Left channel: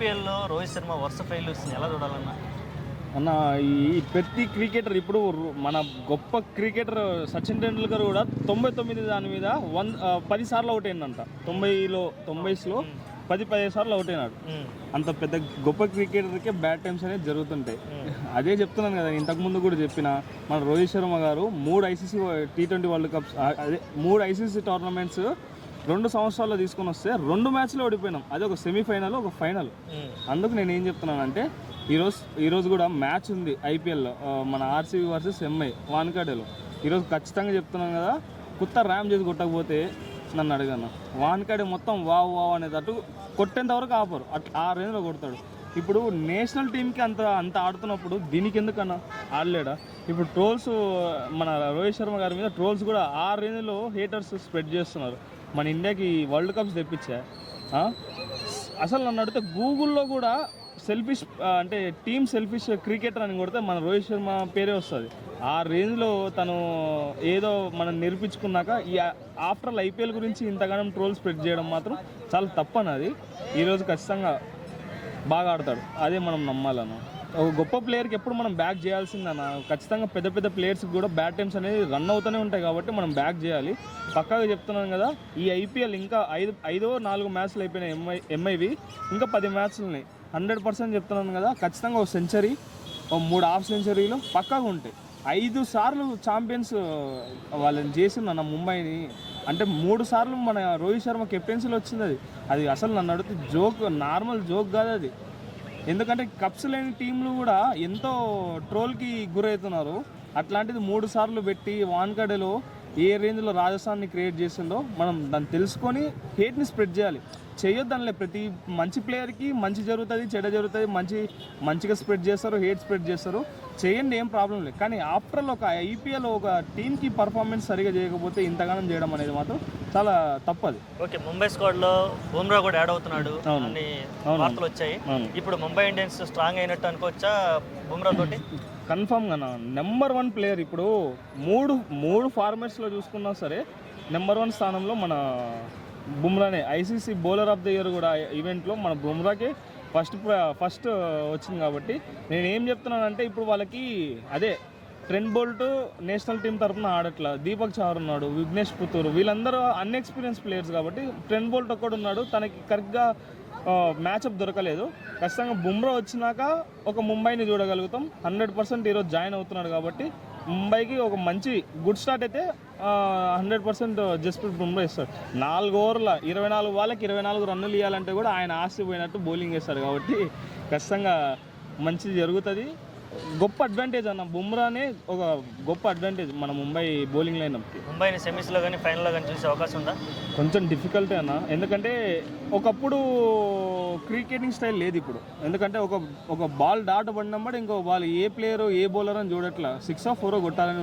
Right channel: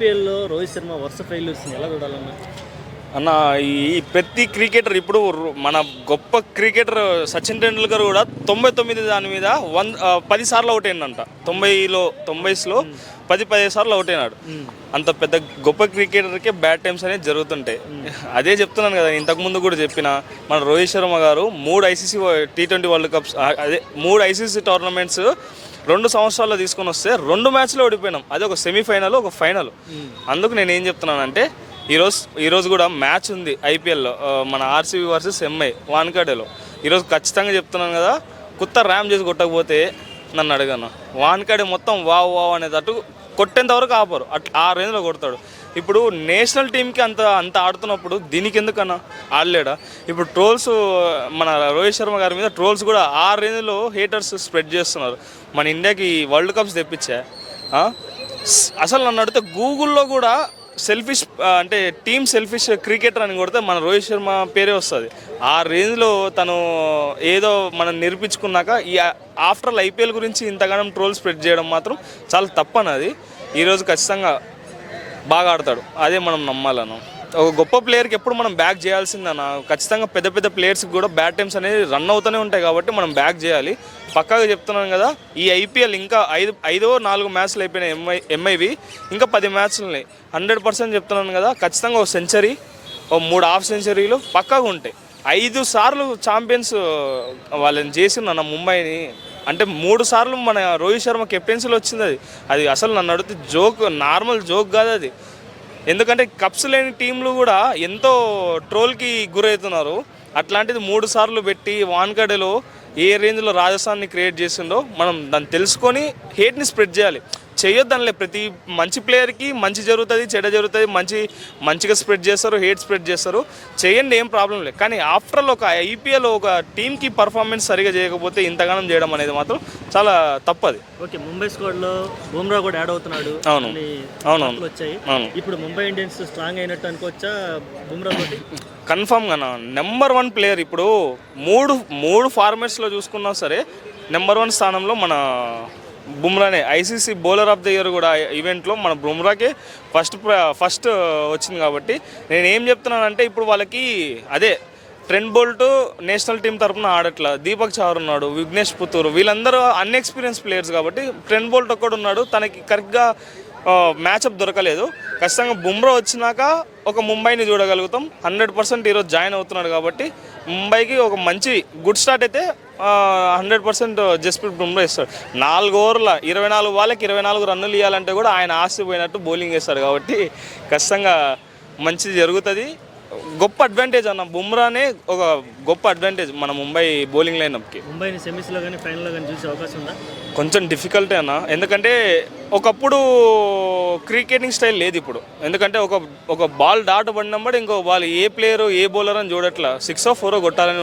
ఐపీఎల్లో రోహిత్ శర్మ వరుస ఫెయిల్యూర్స్ని ఎలా చూడాలన్నా? అన్న, ఈ ప్రతి క్రికెటర్ ఇప్పుడు మన గొప్ప క్రికెటర్ సచిన్ టెండూల్కర్ కూడా 99 దాని మీద 10 సార్లు అవుట్ అయిందంట. 90లో 15 సార్లు అవుట్ అయినాడు. అంత పెద్ద గొప్ప క్రికెటర్కే బ్యాడ్ టైమ్స్ అనేది జరుగుతుంటాయి. అదే చెప్తున్నాను కదా, ఇంతకుముందు కూడా చెప్పిన మన రోహిత్ శర్మ గారు 3 ఐసీసీ T20 వరల్డ్ కప్స్, అదే 3 ఐసీసీ టోర్నమెంట్స్ 2 సంవత్సరాల్లో తీసుకొని వస్తే 2 మ్యాచ్లో ఓడిపోయినాం. అదే ఒక సెమీఫైనల్, ఒక ఫైనల్. అందుకు నేను ఏం చెప్తున్నానంటే ఈరోజు కూడా మ్యాచ్ ఉంది ఐపీఎల్లో, మన ఆర్సీబీ వర్సెస్ ఎంఐ వాన్ఖడేలో. ఈరోజు ఖచ్చితంగా చెప్తున్నాను కదా, కొత్త ర్యామ్ చేసి కొట్టకపోతే నన్ను అడగను. వాన్ఖడే మొత్తం వావ్ వావ్ అనేటట్టు కొట్టేంత వరకు ఆపరు, ఆ రేంజ్లో కొడతాడు. ఇప్పుడు నేషనల్ టీంకి అంత ఆడుతున్నప్పుడు దీనికి ఎందుకన్నా ఆడలేడా? ఇప్పుడు ట్రోల్స్ మన రోహిత్ శర్మ గారి మీద ట్రోల్స్ కూడా ఆ రేంజ్లో హేటర్స్ స్ప్రెడ్ చేస్తున్నారు. మన ఇండియాకి వరల్డ్ కప్స్ తెప్పించా. అసలు నన్ను అడిగితే గూగుల్లో కూడా సెల్ఫిష్ అంటే టీమ్ సెల్ఫిష్ క్రికెటర్ అని కొడితే మన రోహిత్ శర్మ పేరే వస్తుంది. ఆ రేంజ్లో తను ఏదో మనం నిరూపించుకున్నాక ఈ ఆఫ్టర్ ఐపీఎల్ గురించి ఇంతగానం ట్రోల్ స్ప్రెడ్ చేయడం మాత్రం చాలా తప్పనది. ఈరోజు ఖచ్చితంగా బాగా ఆడతాడు, అదే మనం నమ్మాలను. ఒక గొప్ప ప్లేయర్కి ఎప్పుడు మనం బ్యాక్ చేయాల్సిందన్న. ఖచ్చితంగా పెద్ద పెద్ద ప్లేయర్స్కి కూడా బ్యాడ్ టైమ్స్ అనేది రన్ అవుతూనే ఉంటాయి కాబట్టి మనం బ్యాక్ చేయాలి. పక్కాగా చెప్తున్నాను కదా, ఈ ఐపీఎల్ ఇంకా 4 మ్యాచ్లు అయిపోయినాయి ఎంఐవి, ఇంకా 10 మ్యాచ్లున్నాయి. 100% చెప్తున్నాను కదా, ఖచ్చితంగా ఒక సెంచరీ, ఓ 3 హాఫ్ సెంచరీలు పక్కాగా ఉంటాయి. 5 సార్లు ఛాంపియన్స్ వాళ్ళని చేసిందన్న ముంబైని. అంటే 3 సార్లు మన రోహిత్ శర్మ కెప్టెన్సీలో వచ్చింది. అది అసలు నన్ను అడిగితే జోక్, నార్మల్ జోక్ కాదు అది. ఎందుకంటే కప్స్ లేని టీంలు కూడా ఎంతో ట్రోల్కి గురవుతున్నారు. అట్లాంటిది 3 సార్లు పెట్టి వాన్ఖడేలో ఏ రేంజ్లో రాజస్థాన్ని క్రియేట్ చేసిండో మనం దాన్ని తెలుసుకొని హేట్ని స్ప్రెడ్ చేయాలి. చేయొద్దనిలే, ప్రతి మంచి ప్లేయర్కి మంచి జరుగుతుంది, చెడ్డ జరుగుతుంది. మంచిగా స్ప్రెడ్ చేస్తారు, హేట్ స్ప్రెడ్ చేస్తారు, చేయండి, ఏం ప్రాబ్లం లేదు. కానీ ఆఫ్టర్ ఆల్ ఒక ఐపీఎల్ ఒక టీంకి పర్ఫార్మెన్స్ సరిగా చేయకపోతే ఇంతగానం చేయడం అనేది మాత్రం చాలా తప్పది. ఓకే, ముంబై స్క్వాడ్లో బుమ్రా కూడా యాడ్ అవుతున్నాడు. అవును వచ్చాయి. ఇప్పుడు ముంబై ఇండియన్స్ స్ట్రాంగ్ అయినట్టు అనుకోవచ్చా బుమ్రా తోటి? కన్ఫామ్గా నెంబర్ 1 ప్లేయర్. ఇప్పుడు మూడు ఫార్మాట్స్లో చూసుకున్నా సరే నెంబర్ 1 స్థానంలో మన బుమ్రానే. ICC bowler of the year కూడా ఈవెంట్లో మన బుమ్రాకే ఫస్ట్ వచ్చింది. కాబట్టి నేను ఏం చెప్తున్నానంటే, ఇప్పుడు వాళ్ళకి అదే ట్రెంట్ బోల్ట్ నేషనల్ టీం తరఫున ఆడట్లా, దీపక్ చహర్ ఉన్నాడు, విఘ్నేష్ పుత్తూరు, వీళ్ళందరూ అన్ఎక్స్పీరియన్స్ ప్లేయర్స్ కాబట్టి ట్రెంట్ బోల్ట్ ఒక్కడు ఉన్నాడు, తనకి కరెక్ట్గా మ్యాచప్ దొరకలేదు. ఖచ్చితంగా బుమ్రా వచ్చినాక ఒక ముంబైని చూడగలుగుతాం. 100% ఈరోజు జాయిన్ అవుతున్నాడు కాబట్టి ముంబైకి ఒక మంచి గుడ్ స్టార్ట్ అయితే 100% జస్ప్రీత్ బుమ్రా ఇస్తాడు. 4 ఓవర్ల 24 వాళ్ళకి 24 రన్నులు ఇవ్వాలంటే కూడా ఆయన ఆశపోయినట్టు బౌలింగ్ వేస్తాడు. కాబట్టి ఖచ్చితంగా మంచిది జరుగుతుంది. గొప్ప అడ్వాంటేజ్ అన్న, బుమ్రానే ఒక గొప్ప అడ్వాంటేజ్ మన ముంబై బౌలింగ్ లైనప్కి. ముంబైని సెమీస్లో కానీ ఫైనల్లో కానీ చూసే అవకాశం ఉందా? కొంచెం డిఫికల్టే అన్న, ఎందుకంటే ఒకప్పుడు క్రికెటింగ్ స్టైల్ లేదు ఇప్పుడు. ఎందుకంటే ఒక బాల్ డాట్ పడినప్పుడు ఇంకో ball A player a bowler అని చూడట్లా, 6 or 4 కొట్టాలని